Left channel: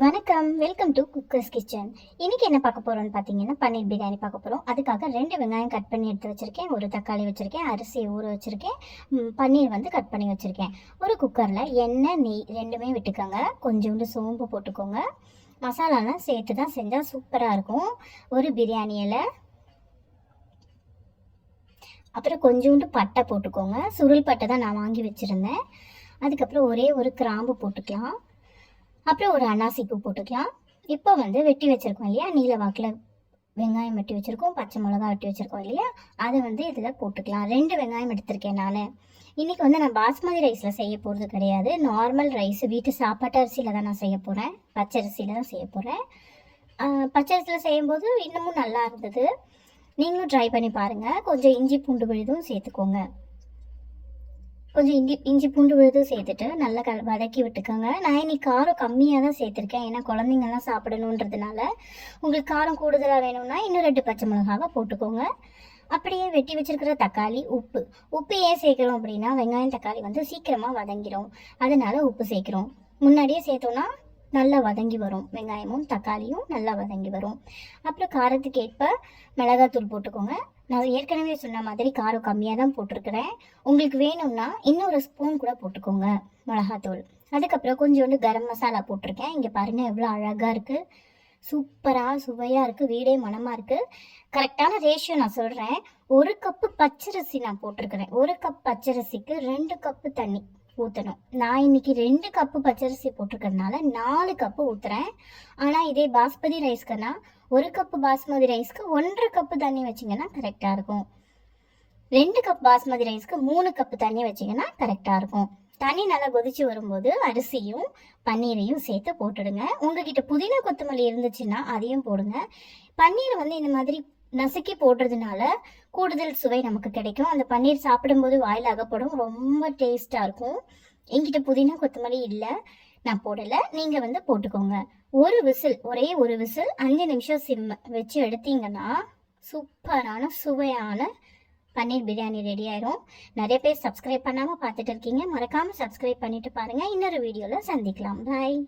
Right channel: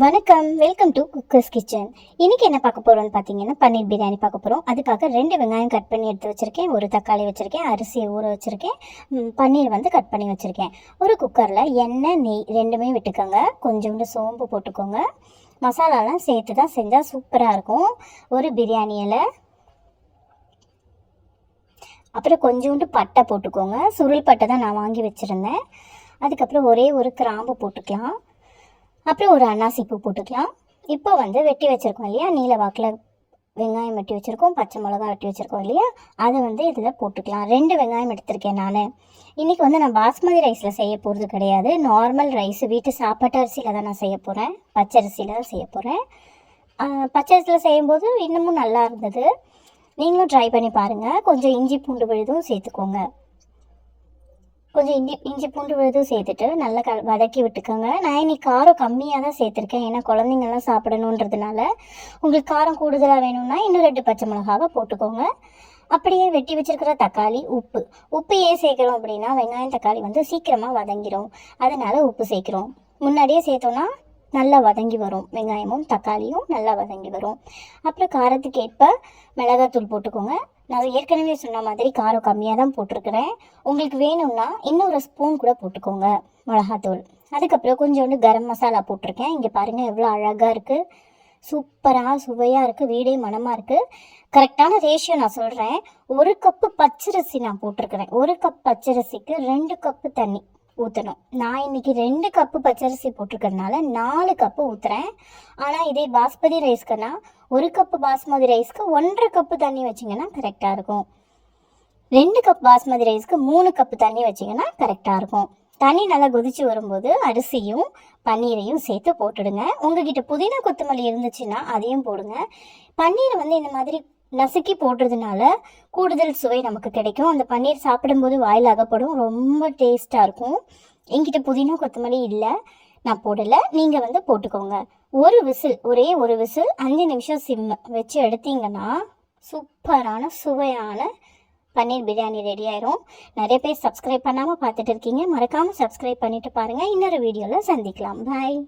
வணக்கம், welcome to cookers kitchen. இன்றைக்கி என்ன பார்க்க போகிறோன்னு பார்த்தீங்கன்னா, பன்னீர் பிரியாணி பார்க்க போகிறோம். அதுக்காக 2 வெங்காயம் கட் பண்ணி எடுத்து வச்சுருக்கேன், ஒரு தக்காளி வச்சுருக்கேன், அரிசியை ஊற வச்சுருக்கேன், பன்னீர் வந்து கட் பண்ணி வச்சுருக்கேன். ஒரு குக்கரில் எண்ணெய், நெய் ரெண்டுமே விட்டுக்கோங்க. கொஞ்சோண்டு சோம்பு போட்டுக்கோங்க. மசாலாலாம் சேர்த்து தான் செஞ்சால் சூப்பராக இருக்கும். ஒரு பிரியாணி இலை, அப்புறம் கொஞ்சோண்டு பட்டை போட்டுக்கோங்க. சுருள் பட்டை தான் நான் வாங்கி வச்சுருந்தேன். அதுக்கப்புறம் ஒரே ஒரு கிராம்பு போட்டுக்கலாம். அப்புறம் ஒரு அன்னாசி பூ போட்டுக்கலாம். இப்போ வந்து வெட்டி வச்சுருக்கோம் இல்லையா, நீல வாக்கில் வெங்காயம் வெட்டி வச்சுருக்கோம், பச்சை மிளகா வெட்டி வச்சுருக்கோம் இல்லையா, அதை வந்து இதில் போட்டுக்கலாம். 2 வெங்காயம் எடுத்திருக்கேன் நான். இன்றைக்கி வந்து நான் பாஸ்மதி ரைஸில் செய்ய போகிறது கிடையாது, நார்மல் ரைஸ் வீட்டு சாப்பாட்டு அரிசியில் தான் நான் செய்ய போகிறேன். பச்சை அரிசியில் தான் செய்ய போகிறேன். பச்சை அரிசியில் செய்யும்போது இன்னமும் நல்லா இருந்தது. நீங்களும் ட்ரை பண்ணி பாருங்கள். கொஞ்சம் இஞ்சி பூண்டு விழுதும் சேர்த்துக்கோங்க. கொஞ்சம் இஞ்சி பூண்டு விழுதும் சேர்த்துட்டு நல்லா வதக்கி விட்டுக்கோங்க. நான் இன்னைக்கு காரம் கம்மியாக தான் சேர்த்துருக்கேன், ஏன்னா குழந்தைங்கள்லாம் சாப்பிடணுன்றதுனால. உங்களுக்கு காரம் கூடுதலாக வேணும்னா இன்னும் 2 பச்சை மிளகாவை போட்டுக்கோங்க. அப்படியே வெட்டி வச்சுருக்கிற தக்காளி, உப்பு ஏன் சேர்க்குறோம் அப்படின்னா, வெங்காயம் தக்காளி வந்து சீக்கிரமாக வதங்கிடும், அதனால உப்பு சேர்க்குறோம். முன்னாடியே சேர்த்தோன்னா நல்லா வதங்கி வரும், வெங்காயமும் தக்காளியும் நல்லா வதங்கி வரும். அப்புறம் காரத்துக்கு ஏற்ப மிளகாத்தூள் போட்டுக்கோங்க. நான் ஏற்கனவே சொன்ன மாதிரி காரம் கம்மியாக தான் போட்டிருக்கிறேன். உங்களுக்கு வேணும்னா இன்னொரு ஸ்பூன் கூட போட்டுக்கோங்க மிளகாத்தூள். அதுக்கப்புறம் கொஞ்சோண்டு கரம் மசாலா போட்டிருக்கேன். இங்கே பாருங்கள் எவ்வளோ அழகாக இருக்குது, சூப்பராக சுவையாக இருக்குது, வீடே மனமாக இருக்குது. கரெக்டான ரேஷியோ நான் சொல்கிறேன். 1 கப்பு பச்சரிசி நான் போட்டிருக்கிறேன். 1 கப் பச்சரிசிக்கு 2 கப்பு தண்ணி ஊற்றணும். நான் இன்னைக்கு 2 கப்பு பச்சரிசி போட்டிருக்கிறதுனால 4 கப்பு ஊற்றுறேன். ஆனால் இதே பாஸ்மதி ரைஸ்க்குன்னா 1 கப்பு பாஸ்மதி ரைஸ்க்கு 1.5 கப்பு தண்ணி வச்சிங்கன்னா கரெக்டாக இருக்கும். 2 கப் பாஸ்மதி ரைஸ்க்கு 3 கப்பு தண்ணி வச்சிங்கன்னா கரெக்டாக இருக்கும். தண்ணி நல்லா கொதிச்சு வரும்போது அரிசியும் பன்னீரையும் சேர்த்து போட்டுடுங்க. உங்ககிட்ட புதினா கொத்தமல்லி இருந்துச்சுன்னா அதையும் போடுங்க. பன்னீரை வந்து இந்த மாதிரி நசுக்கி போடுறதுனால கூடுதல் சுவை நமக்கு கிடைக்கும். அந்த பன்னீர் சாப்பிடும்போது வாயில் அகப்படும், ரொம்ப டேஸ்ட்டாக இருக்கும். என்கிட்ட புதினா கொத்தமல்லி இல்லை, நான் போடலை, நீங்கள் வந்து போட்டுக்கோங்க. ஒரே ஒரு விசில் 5 நிமிஷம் சிம் வச்சு எடுத்தீங்கன்னா சூப்பரான சுவையான பன்னீர் பிரியாணி ரெடி ஆயிரும். நிறைய பேர் சப்ஸ்கிரைப் பண்ணாமல் பார்த்துட்டு இருக்கீங்க, மறக்காமல் சப்ஸ்கிரைப் பண்ணிட்டு பாருங்கள். இன்னொரு வீடியோவில் சந்திக்கலாம். பாய்.